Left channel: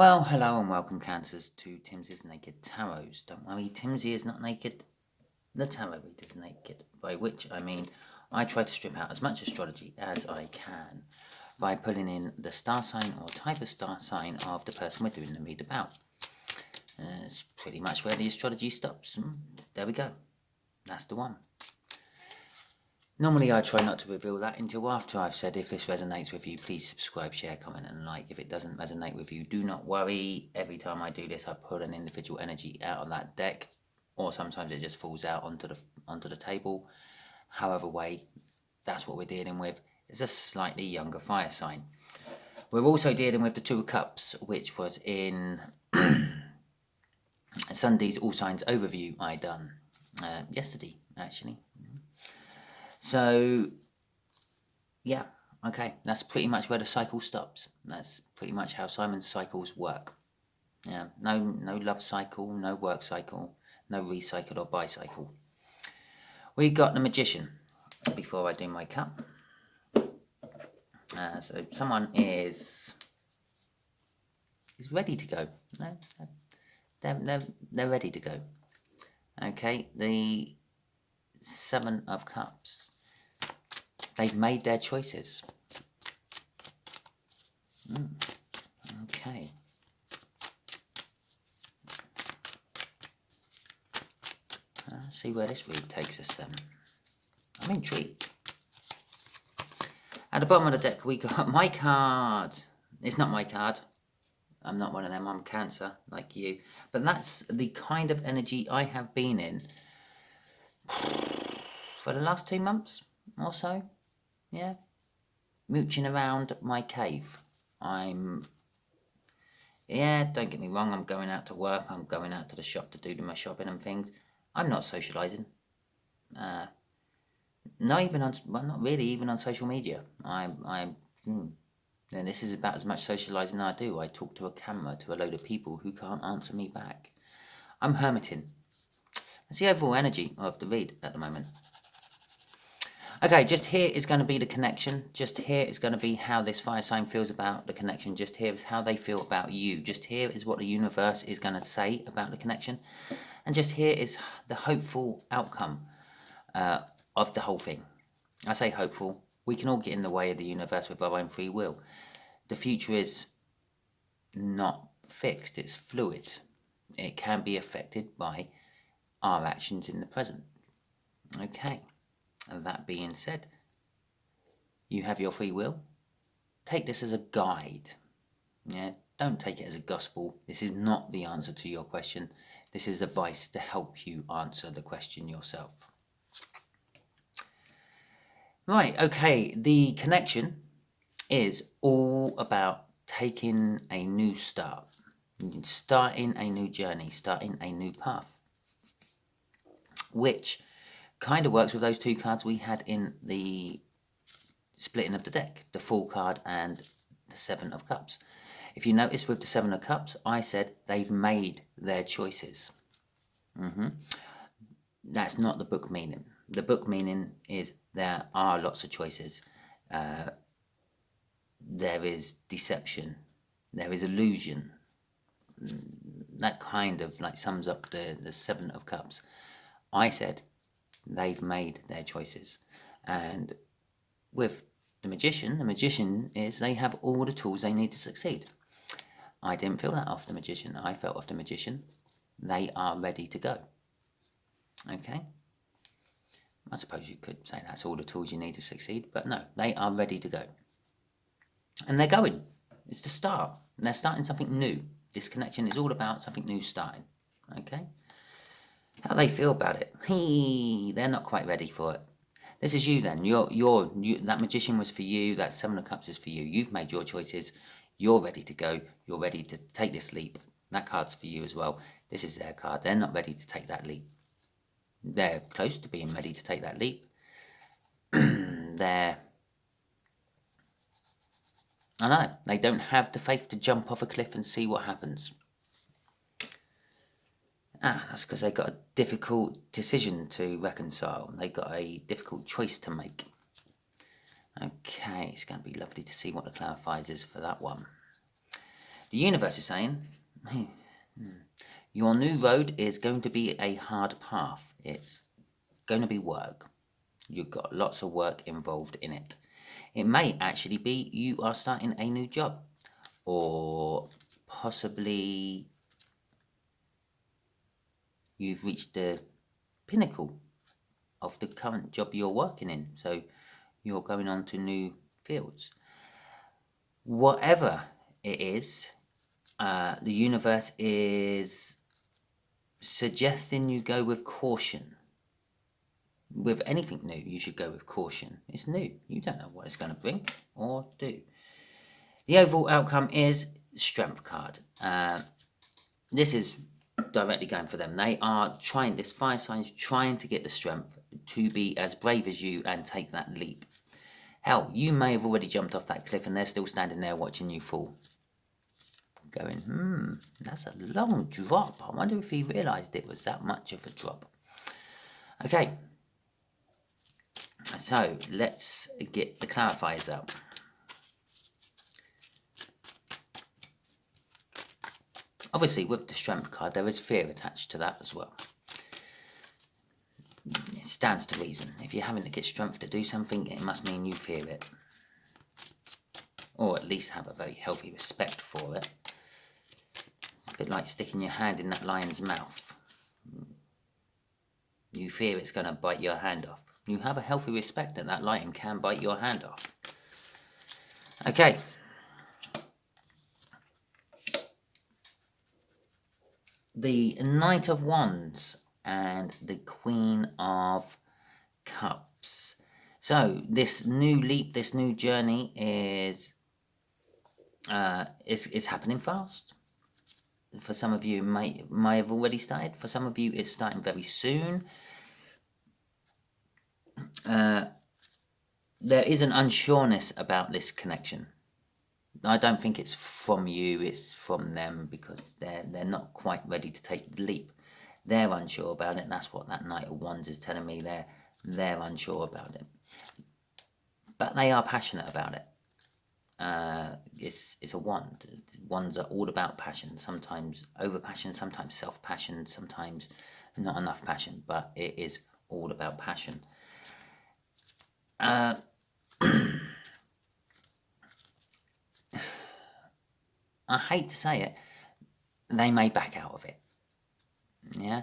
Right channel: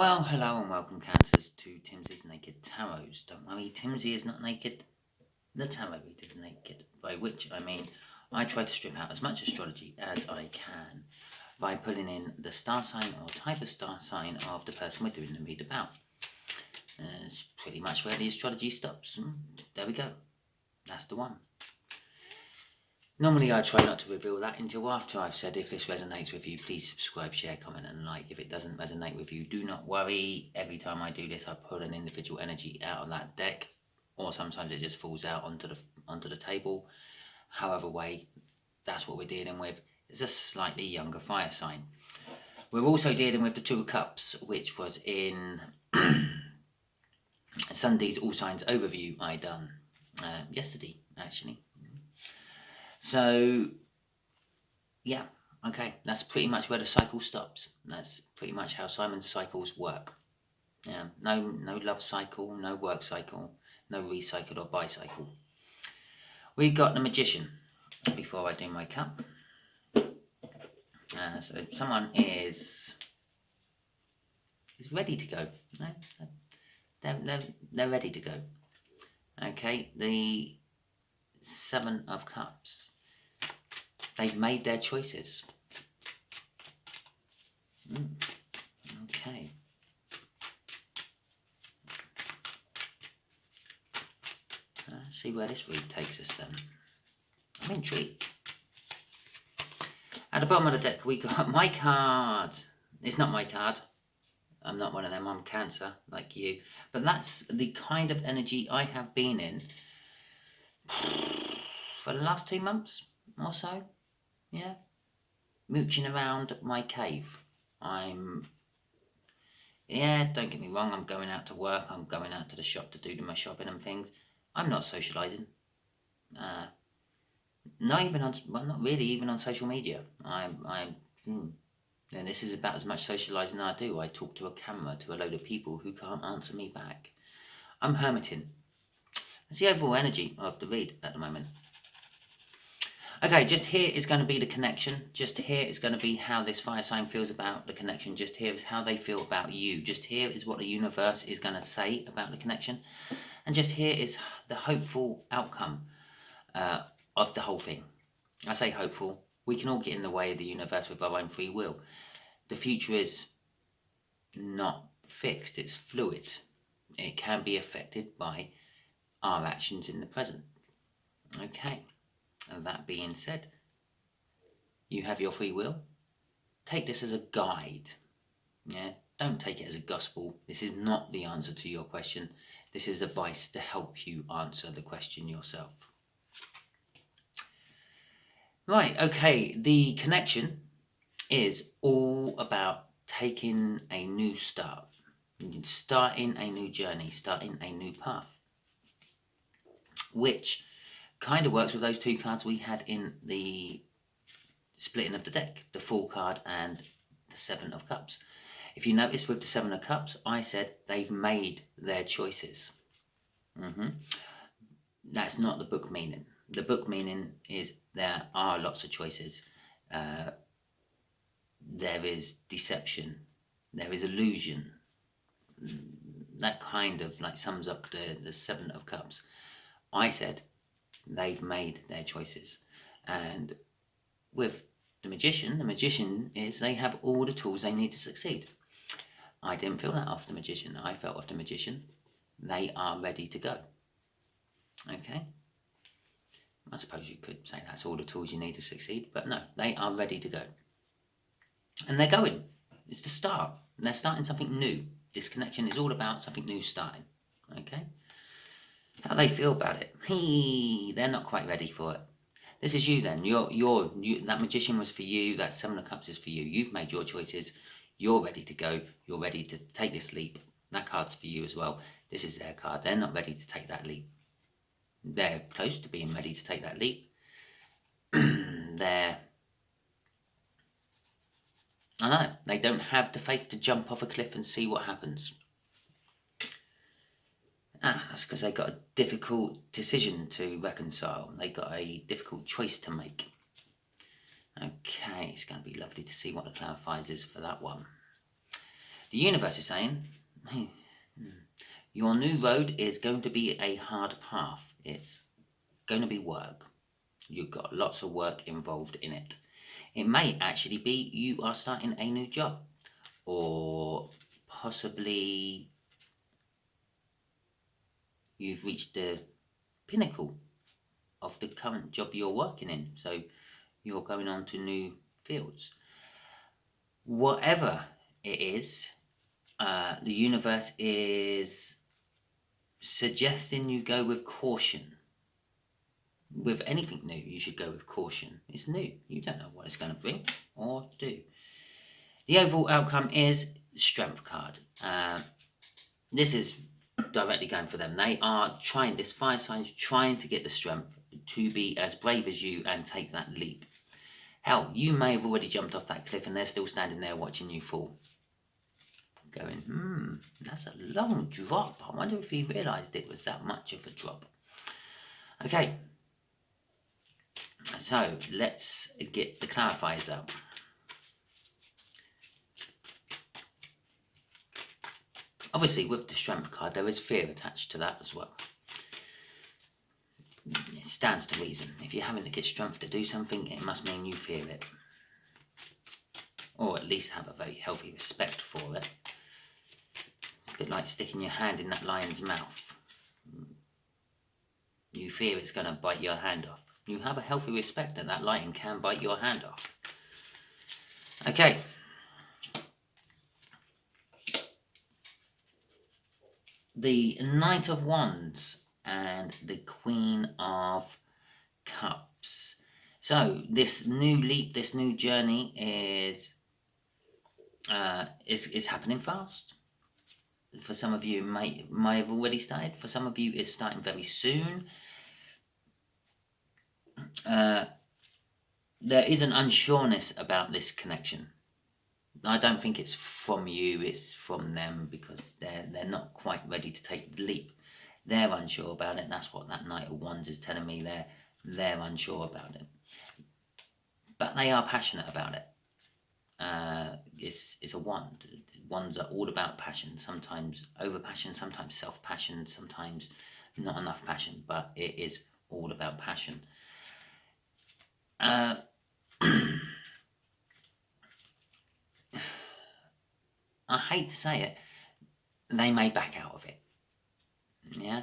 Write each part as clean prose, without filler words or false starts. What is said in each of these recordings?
Well, hello and welcome, Cancers, to Timsy's Naked Tarot. Don't worry, Timsy is not naked. The tarot reader is naked, by which I mean I try to strip out as much astrology as I can by pulling in the star sign or type of star sign of the person we're doing the read about. It's pretty much where the astrology stops. There we go. That's the one. Normally I try not to reveal that until after I've said, if this resonates with you, please subscribe, share, comment and like. If it doesn't resonate with you, do not worry. Every time I do this, I pull an individual energy out of that deck, or sometimes it just falls out onto the table. However way, that's what we're dealing with. It's a slightly younger fire sign. We're also dealing with the Two of Cups, which was in Sunday's All Signs overview I done yesterday, actually. So, yeah, okay, that's pretty much where the cycle stops. That's pretty much how Simon's cycles work. Yeah, no love cycle, no work cycle, no recycle or bicycle. We got the Magician before I do my cut. So someone is ready to go. No, they're ready to go. Okay, the Seven of Cups. They've made their choices. Okay. See where this read takes us then. I'm intrigued. At the bottom of the deck, we got my card. It's not my card. I'm not one of them. I'm Cancer, like you. But that's the kind of energy I have been in for the last 2 months or so. Yeah. Mooching around my cave. Don't get me wrong, I'm going out to work, I'm going out to the shop to do my shopping and things. I'm not socialising. Not really even on social media. And this is about as much socialising I do. I talk to a camera to a load of people who can't answer me back. I'm hermiting. That's the overall energy of the read at the moment. Okay, just here is going to be the connection. Just here is going to be how this fire sign feels about the connection. Just here is how they feel about you. Just here is what the universe is going to say about the connection. And just here is the hopeful outcome of the whole thing. I say hopeful. We can all get in the way of the universe with our own free will. The future is not fixed. It's fluid. It can be affected by our actions in the present. Okay. And that being said, you have your free will. Take this as a guide. Yeah, don't take it as a gospel. This is not the answer to your question. This is advice to help you answer the question yourself. Right, okay, the connection is all about taking a new start, starting a new journey, starting a new path, which kind of works with those two cards we had in the splitting of the deck, the Fool card and the Seven of Cups. If you notice with the Seven of Cups, I said they've made their choices. That's not the book meaning. The book meaning is there are lots of choices. There is deception. There is illusion. That kind of like sums up the Seven of Cups. I said they've made their choices. And with the Magician is they have all the tools they need to succeed. I didn't feel that off the Magician. I felt off the Magician. They are ready to go. Okay? I suppose you could say that's all the tools you need to succeed, but no, they are ready to go. And they're going. It's the start. They're starting something new. This connection is all about something new starting. Okay? How they feel about it? They're not quite ready for it. This is you then. That Magician was for you. That Seven of Cups is for you. You've made your choices. You're ready to go. You're ready to take this leap. That card's for you as well. This is their card. They're not ready to take that leap. They're close to being ready to take that leap. I know. They don't have the faith to jump off a cliff and see what happens. That's because they got a difficult decision to reconcile. They got a difficult choice to make. Okay, it's going to be lovely to see what the clarifiers is for that one. The universe is saying, your new road is going to be a hard path. It's going to be work. You've got lots of work involved in it. It may actually be you are starting a new job, or possibly you've reached the pinnacle of the current job you're working in, so you're going on to new fields. Whatever it is, the universe is suggesting you go with caution. With anything new, you should go with caution. It's new. You don't know what it's going to bring or do. The overall outcome is Strength card. This is directly going for them. They are trying, this fire sign is trying to get the strength to be as brave as you and take that leap. Hell, you may have already jumped off that cliff and they're still standing there watching you fall. Going, that's a long drop. I wonder if he realised it was that much of a drop. Okay. So, let's get the clarifiers out. Obviously, with the Strength card, there is fear attached to that as well. It stands to reason. If you're having to get strength to do something, it must mean you fear it. Or at least have a very healthy respect for it. It's a bit like sticking your hand in that lion's mouth. You fear it's going to bite your hand off. You have a healthy respect that that lion can bite your hand off. Okay. The Knight of Wands and the Queen of Cups. So this new leap, this new journey is happening fast. For some of you, it may have already started. For some of you, it's starting very soon. There is an unsureness about this connection. I don't think it's from you, it's from them, because they're not quite ready to take the leap. They're unsure about it, and that's what that Knight of Wands is telling me. They're unsure about it. But they are passionate about it. It's a wand. Wands are all about passion. Sometimes over-passion, sometimes self-passion, sometimes not enough passion. But it is all about passion. I hate to say it, they may back out of it. Yeah,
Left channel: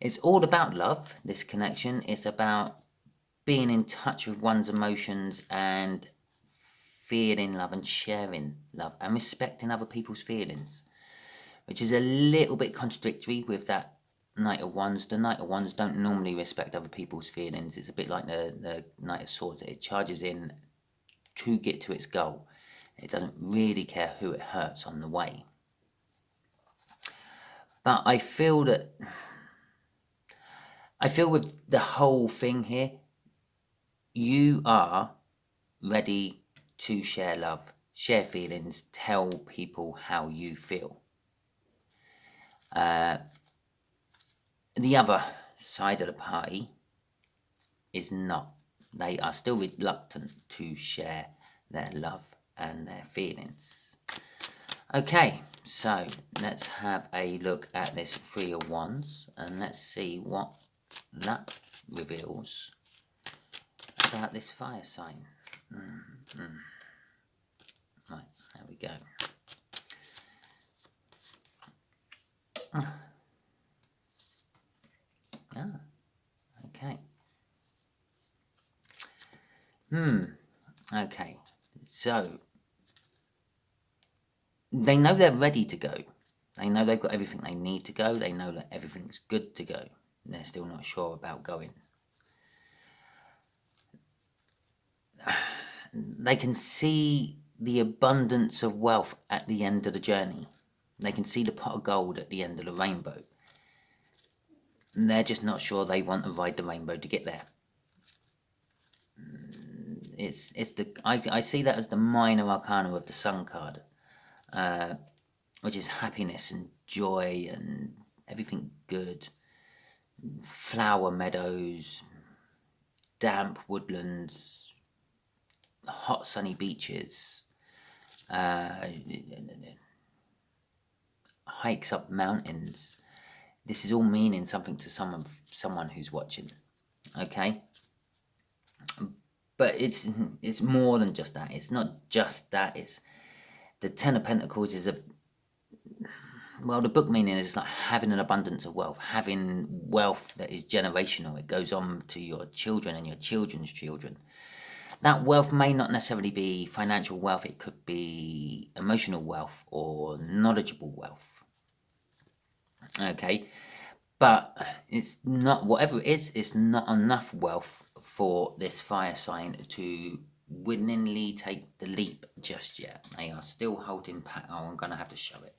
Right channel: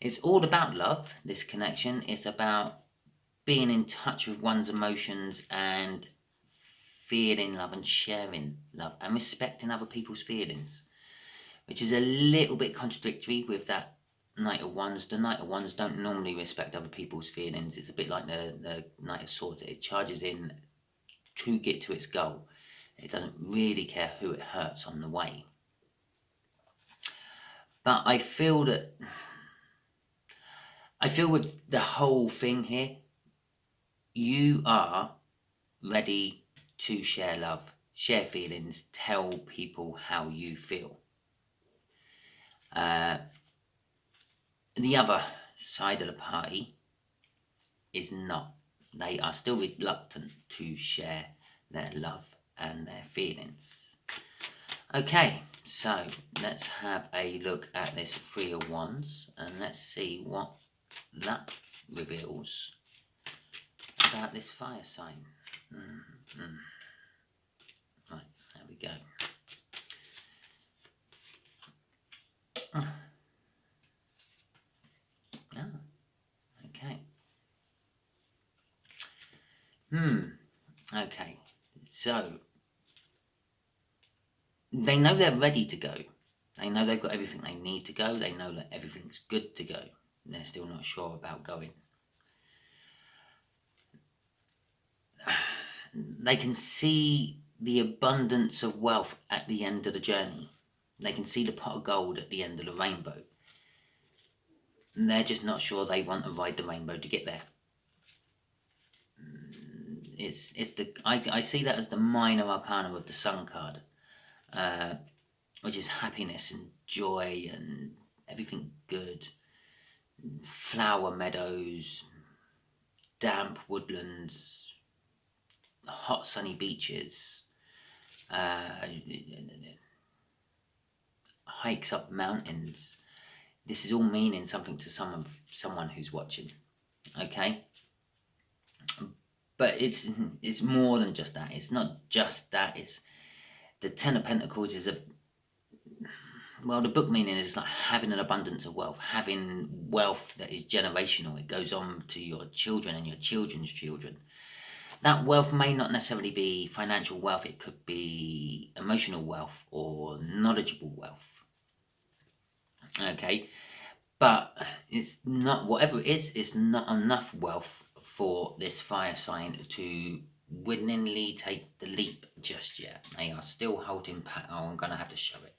it's all about love, this connection. It's about being in touch with one's emotions and feeling love and sharing love and respecting other people's feelings, which is a little bit contradictory with that Knight of Wands. The Knight of Wands don't normally respect other people's feelings. It's a bit like the Knight of Swords. It charges in to get to its goal. It doesn't really care who it hurts on the way. But I feel with the whole thing here, you are ready to share love, share feelings, tell people how you feel. The other side of the party is not. They are still reluctant to share their love and their feelings. Okay, so let's have a look at this Three of Wands and let's see what that reveals about this fire sign. Right, there we go. Okay. Okay, so they know they're ready to go. They know they've got everything they need to go. They know that everything's good to go. They're still not sure about going. They can see the abundance of wealth at the end of the journey. They can see the pot of gold at the end of the rainbow. And they're just not sure they want to ride the rainbow to get there. I see that as the minor arcana of the Sun card, which is happiness and joy and everything good. Flower meadows, damp woodlands, hot sunny beaches, hikes up mountains. This is all meaning something to someone who's watching. Okay? But it's more than just that. It's not just that. It's the Ten of Pentacles is the book meaning is like having an abundance of wealth, having wealth that is generational. It goes on to your children and your children's children. That wealth may not necessarily be financial wealth. It could be emotional wealth or knowledgeable wealth. Okay, but it's not, whatever it is, it's not enough wealth for this fire sign to winningly take the leap just yet. They are still holding back. Oh, I'm going to have to show it.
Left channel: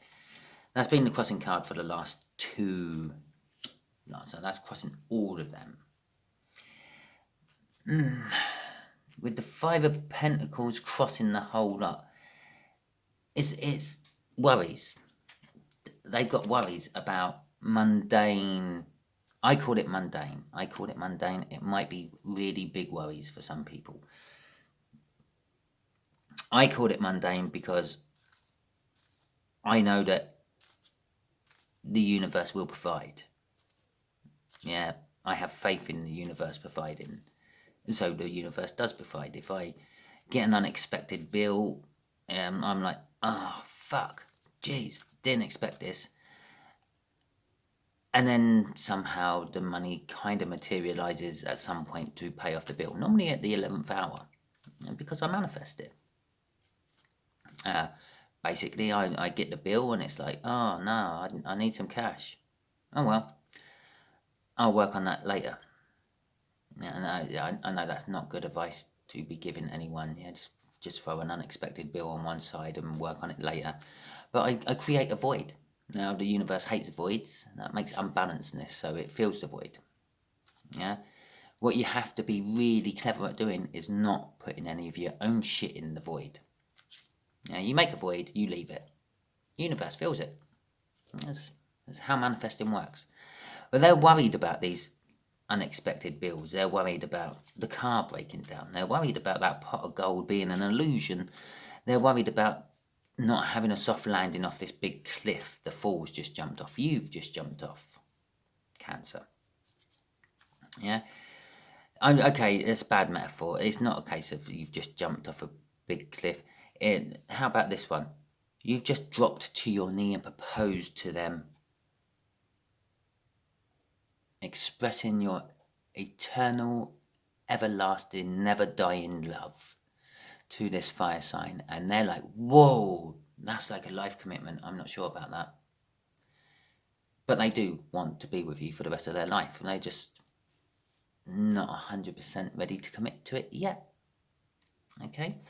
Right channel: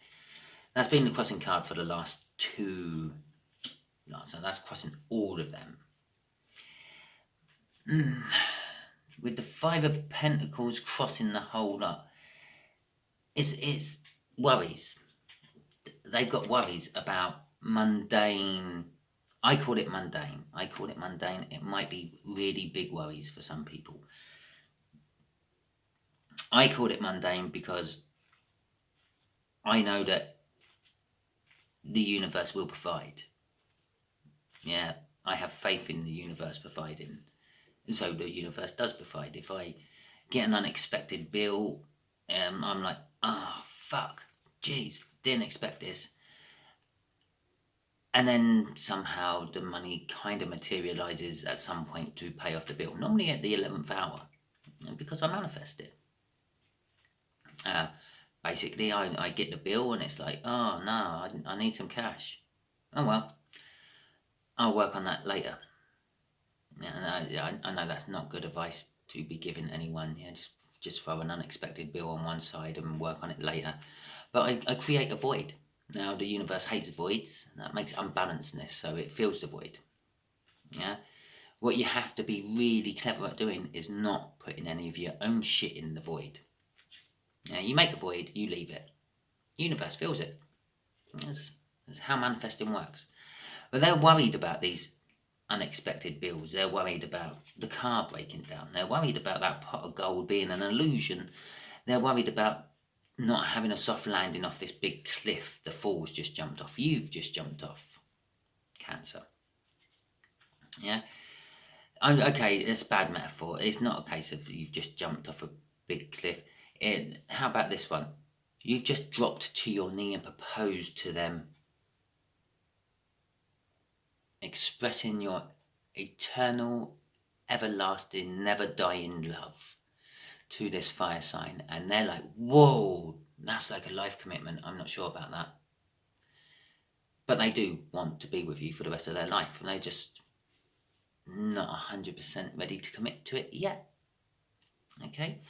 That's been the crossing card for the last two. So that's crossing all of them. With the Five of Pentacles crossing the whole lot, it's worries. They've got worries about mundane. I call it mundane. It might be really big worries for some people. I call it mundane because I know that the universe will provide. Yeah, I have faith in the universe providing. So the universe does provide. If I get an unexpected bill, I'm like, oh, fuck, jeez, didn't expect this. And then somehow the money kind of materializes at some point to pay off the bill, normally at the 11th hour, because I manifest it. Basically, I get the bill and it's like, oh no, I need some cash. Oh well, I'll work on that later. Yeah, I know that's not good advice to be giving anyone. Yeah, just throw an unexpected bill on one side and work on it later. But I create a void. Now the universe hates voids. That makes unbalancedness, so it fills the void. Yeah. What you have to be really clever at doing is not putting any of your own shit in the void. Yeah, you make a void, you leave it. The universe fills it. That's how manifesting works. But they're worried about these unexpected bills. They're worried about the car breaking down. They're worried about that pot of gold being an illusion. They're worried about not having a soft landing off this big cliff. The fall's just jumped off. You've just jumped off. Cancer. Yeah. Okay, it's a bad metaphor. It's not a case of you've just jumped off a big cliff. How about this one? You've just dropped to your knee and proposed to them, expressing your eternal, everlasting, never dying love to this fire sign. And they're like, whoa, that's like a life commitment. I'm not sure about that. But they do want to be with you for the rest of their life. And they're just not 100% ready to commit to it yet. Okay?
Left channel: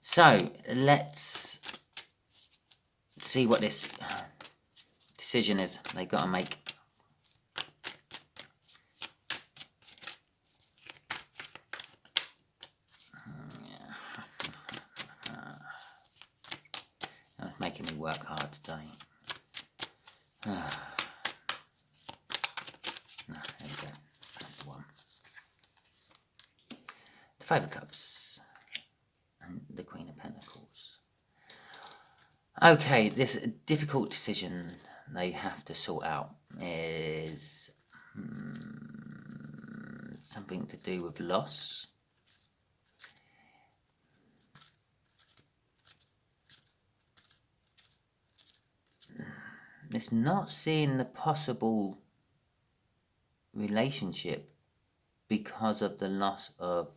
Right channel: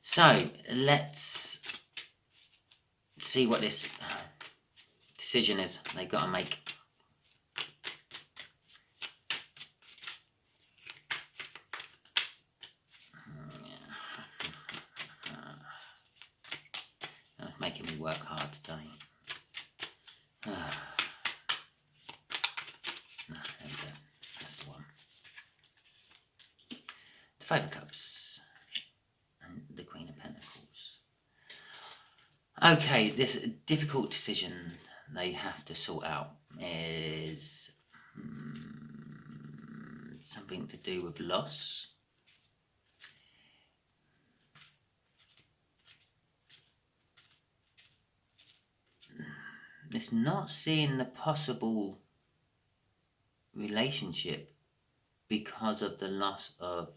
So, let's see what this decision is they got to make. Making me work hard today. No, there we go. That's the one. The Five of Cups and the Queen of Pentacles. Okay, this difficult decision they have to sort out is something to do with loss. It's not seeing the possible relationship because of the loss of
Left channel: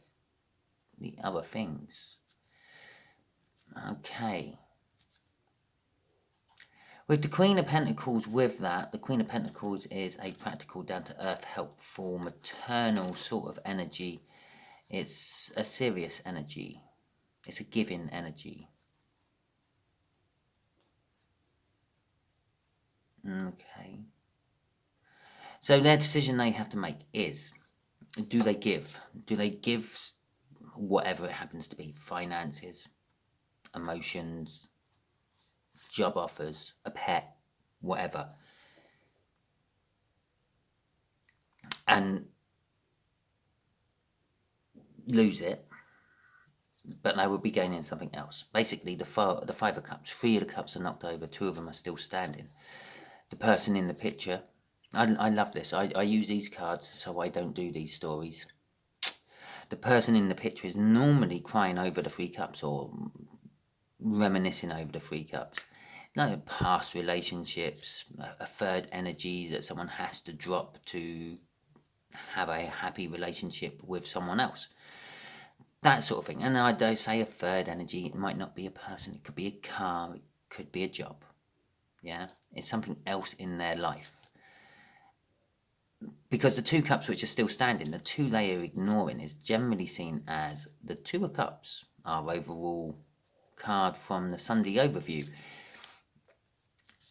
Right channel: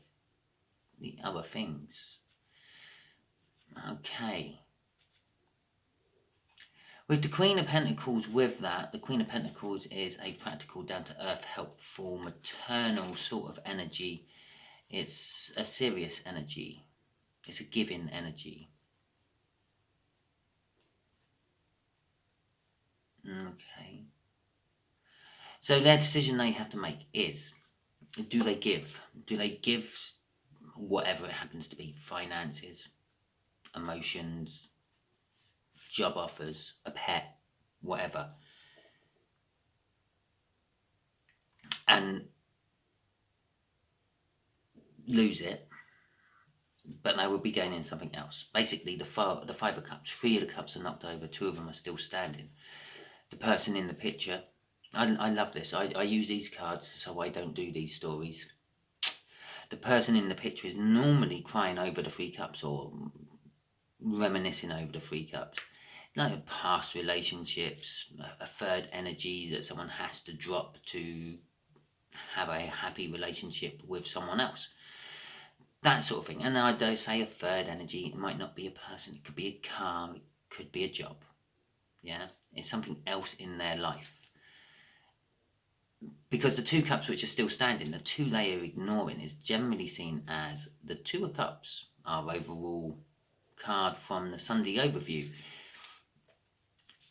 the other things. Okay. With the Queen of Pentacles, with that, the Queen of Pentacles is a practical, down-to-earth, helpful, maternal sort of energy. It's a serious energy. It's a giving energy. Okay. So their decision they have to make is, do they give? Do they give whatever it happens to be? Finances, emotions, job offers, a pet, whatever. And lose it? but they will be gaining something else. Basically, the Five of Cups, 3 of the Cups are knocked over, 2 of them are still standing. The person in the picture, I love this. I use these cards so I don't do these stories. The person in the picture is normally crying over the 3 cups or reminiscing over the 3 cups. No, past relationships, a third energy that someone has to drop to have a happy relationship with someone else. That sort of thing. And I don't say a third energy, it might not be a person, it could be a car, it could be a job. Yeah, it's something else in their life. Because the 2 cups which are still standing, the 2 they are ignoring is generally seen as the 2 of Cups, our overall card from the Sunday overview.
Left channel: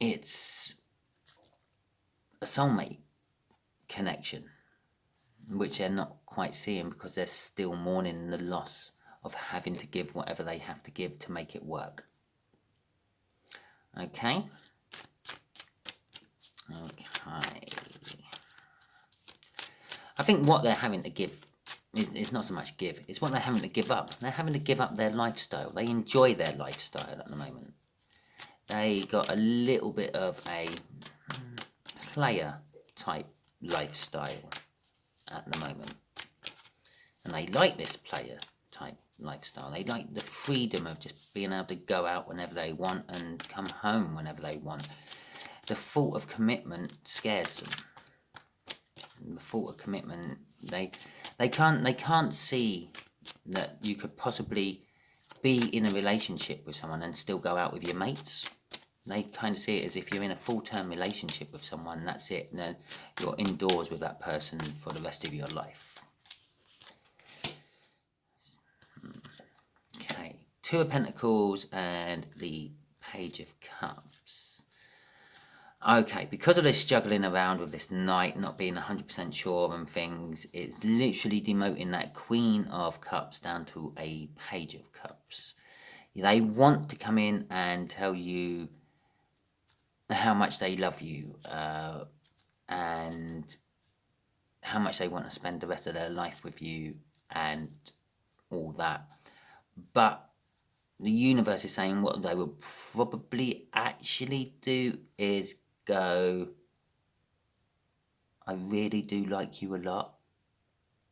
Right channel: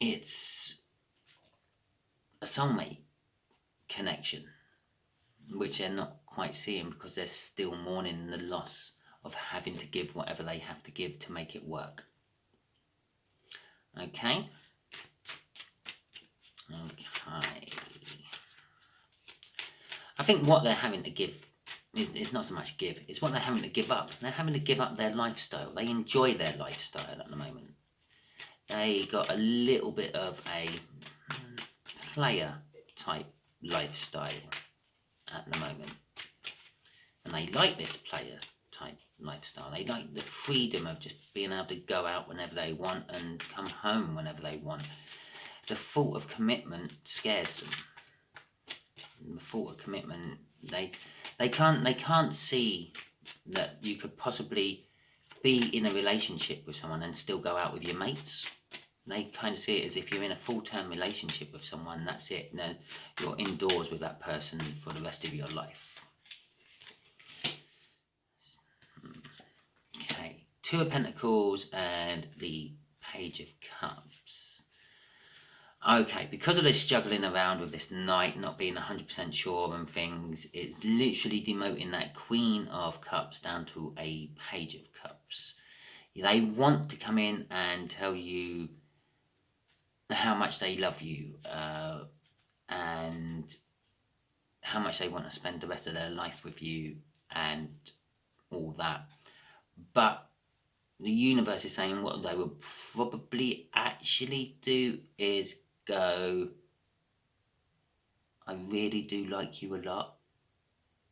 It's a soulmate connection, which they're not quite seeing because they're still mourning the loss of having to give whatever they have to give to make it work. Okay. I think what they're having to give is not so much give, it's what they're having to give up. They're having to give up their lifestyle. They enjoy their lifestyle at the moment. They got a little bit of a player type lifestyle at the moment. And they like this player type lifestyle. They like the freedom of just being able to go out whenever they want and come home whenever they want. The thought of commitment scares them. The thought of commitment, they can't see that you could possibly be in a relationship with someone and still go out with your mates. They kind of see it as if you're in a full-term relationship with someone, that's it. No, you're indoors with that person for the rest of your life. Okay, 2 of Pentacles and the Page of Cups. Okay, because of this juggling around with this Knight, not being 100% sure and things, it's literally demoting that Queen of Cups down to a Page of Cups. They want to come in and tell you how much they love you and how much they want to spend the rest of their life with you and all that. But the universe is saying what they will probably actually do is go, I really do like you a lot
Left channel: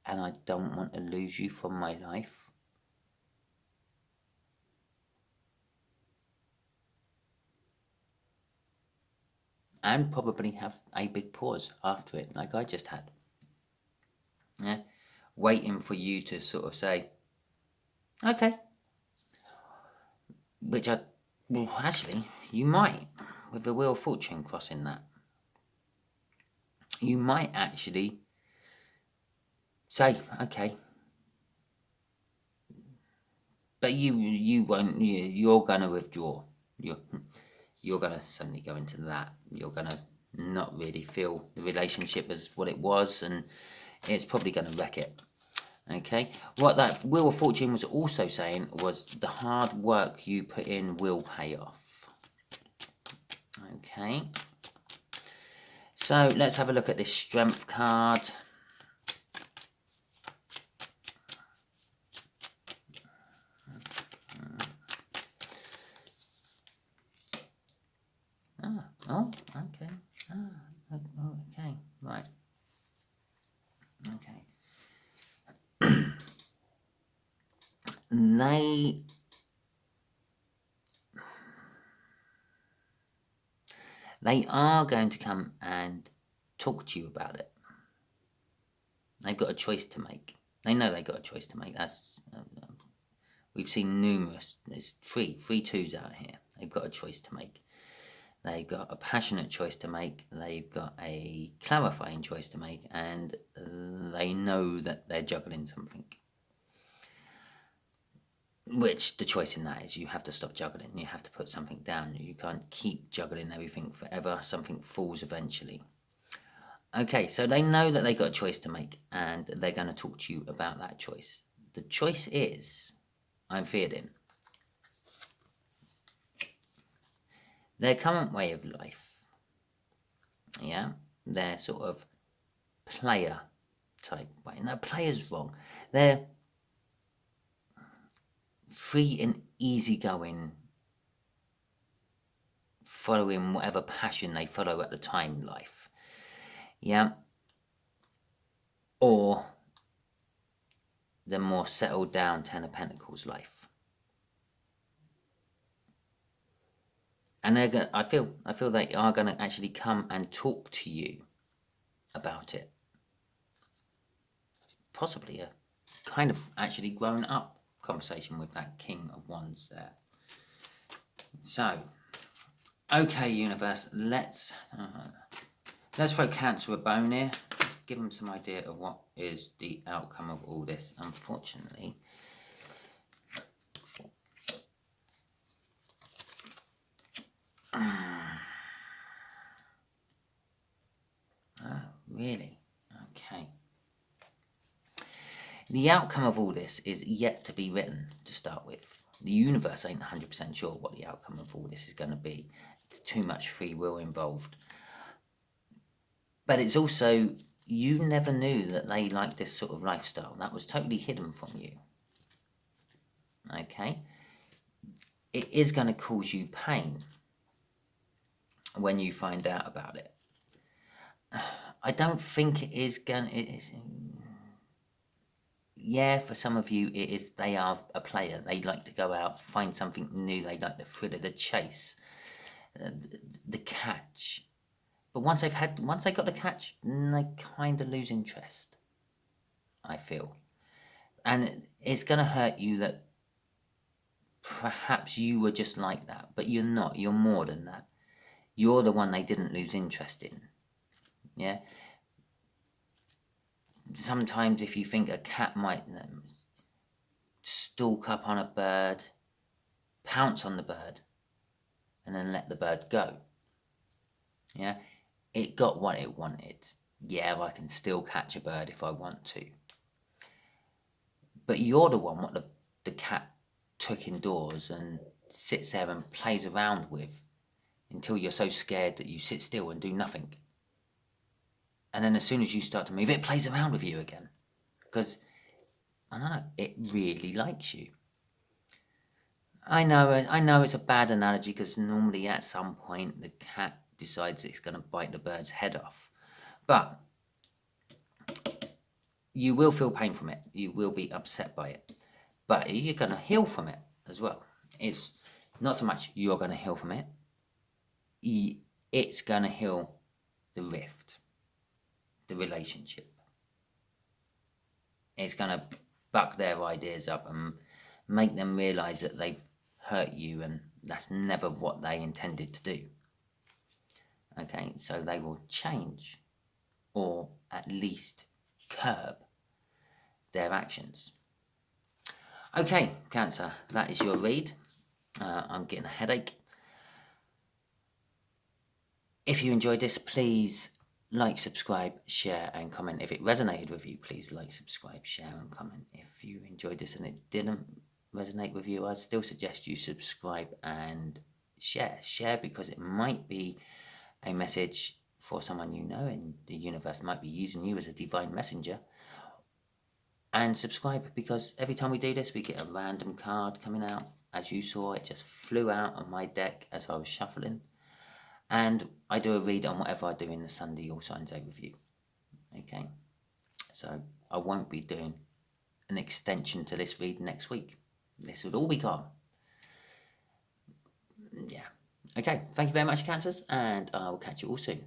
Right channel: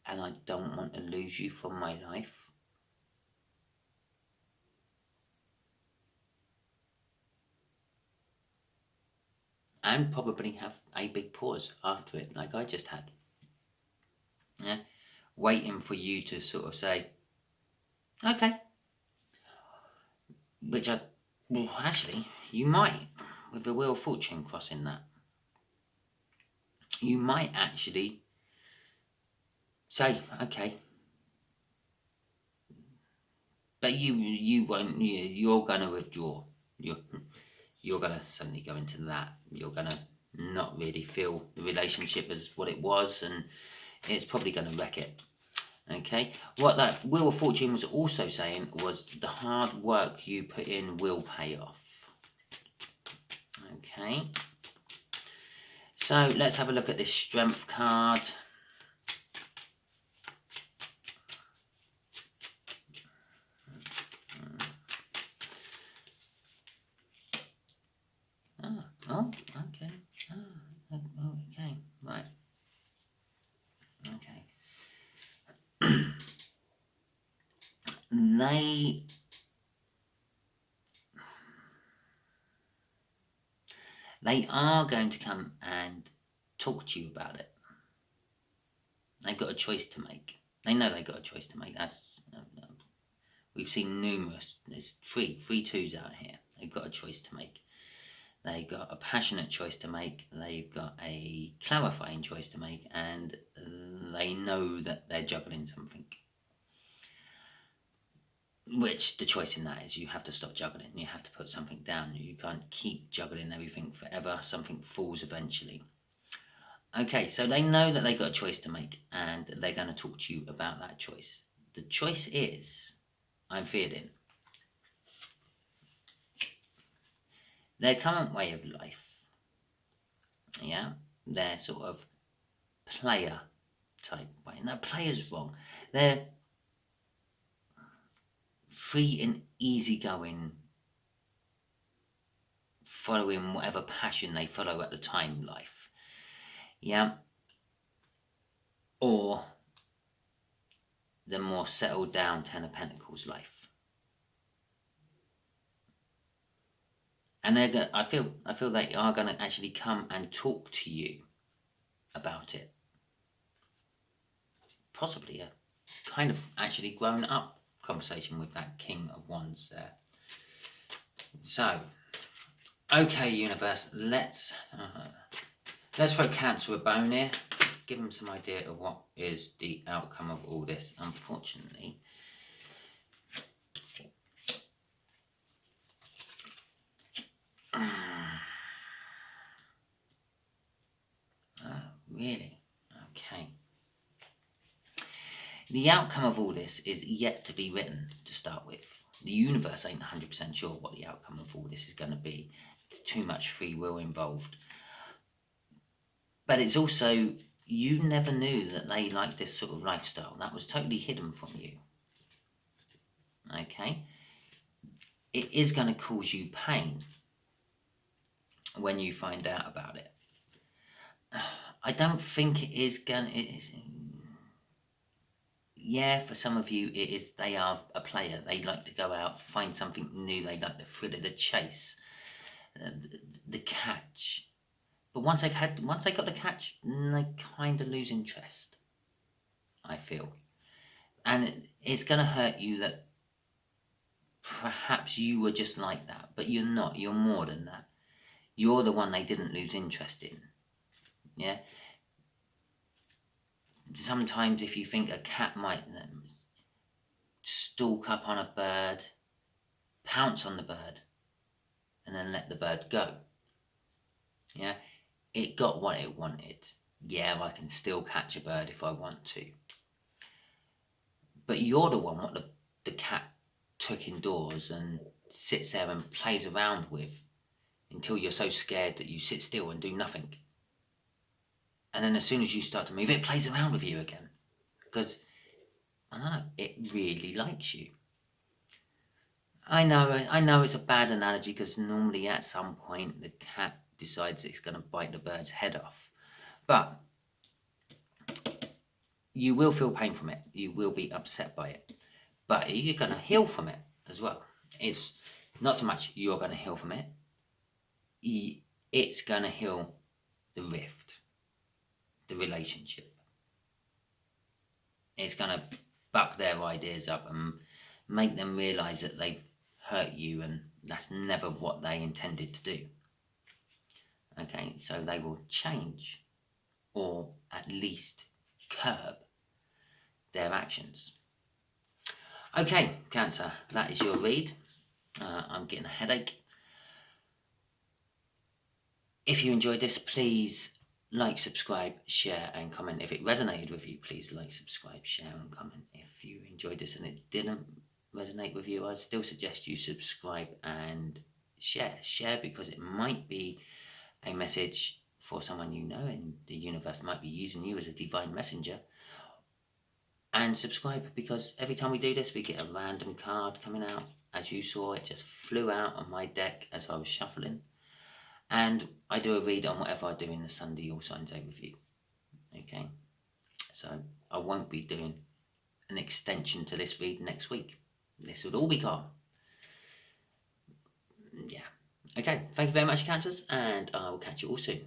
and I don't want to lose you from my life. And probably have a big pause after it, like I just had. Yeah, waiting for you to sort of say, okay. Which well, actually, you might, with the Wheel of Fortune crossing that. You might actually say, okay. But you won't, you're going to withdraw. You're going to suddenly go into that. You're going to not really feel the relationship as what it was, and it's probably going to wreck it. Okay, what that Wheel of Fortune was also saying was the hard work you put in will pay off. Okay, so let's have a look at this Strength card. Oh, okay. Okay, right. Okay. They are going to come and talk to you about it. They've got a choice to make. They know they've got a choice to make. That's we've seen numerous. There's three twos out here. They've got a choice to make. They've got a passionate choice to make. They've got a clarifying choice to make, and they know that they're juggling something. Which the choice in that is you have to stop juggling. You have to put something down. You can't keep juggling everything forever. Something falls eventually. Okay, so they know that they got a choice to make, and they're going to talk to you about that choice. The choice is, I'm feeling, their current way of life, yeah, their sort of player type way. No, player's wrong. free and easygoing, following whatever passion they follow at the time life. Yeah. Or the more settled down Ten of Pentacles life. And they're gonna, I feel they are going to actually come and talk to you about it. Possibly a kind of actually grown up conversation with that King of Wands there. So, okay, universe, let's throw Cancer a bone here. Let's give them some idea of what is the outcome of all this. Unfortunately, really? Okay. The outcome of all this is yet to be written to start with. The universe ain't 100% sure what the outcome of all this is going to be. There's too much free will involved. But it's also, you never knew that they liked this sort of lifestyle. That was totally hidden from you. Okay? It is going to cause you pain when you find out about it. I don't think it is going to... Yeah, for some of you, it is. They are a player. They like to go out, find something new. They like the thrill of the chase, the catch. But once they got the catch, they kind of lose interest, I feel. And it's going to hurt you that perhaps you were just like that, but you're not. You're more than that. You're the one they didn't lose interest in. Yeah? Sometimes if you think a cat might stalk up on a bird, pounce on the bird, and then let the bird go. Yeah? It got what it wanted. Yeah, I can still catch a bird if I want to. But you're the one what the cat took indoors and sits there and plays around with until you're so scared that you sit still and do nothing. And then as soon as you start to move, it plays around with you again. Because, I don't know, it really likes you. I know it's a bad analogy because normally at some point the cat decides it's going to bite the bird's head off. But you will feel pain from it. You will be upset by it. But you're going to heal from it as well. It's not so much you're going to heal from it. It's going to heal the rift, the relationship. It's going to buck their ideas up and make them realise that they've hurt you and that's never what they intended to do. Okay, so they will change or at least curb their actions. Okay, Cancer, that is your read. I'm getting a headache. If you enjoyed this, please like, subscribe, share and comment. If it resonated with you, please like, subscribe, share and comment. If you enjoyed this and it didn't resonate with you, I'd still suggest you subscribe and share. Share because it might be a message for someone you know and the universe might be using you as a divine messenger. And subscribe because every time we do this, we get a random card coming out. As you saw, it just flew out on my deck as I was shuffling. And I do a read on whatever I do in the Sunday All Signs overview. Okay, so I won't be doing an extension to this read next week. This would all be gone. Yeah. Okay, thank you very much, Cancers, and I will catch you all soon.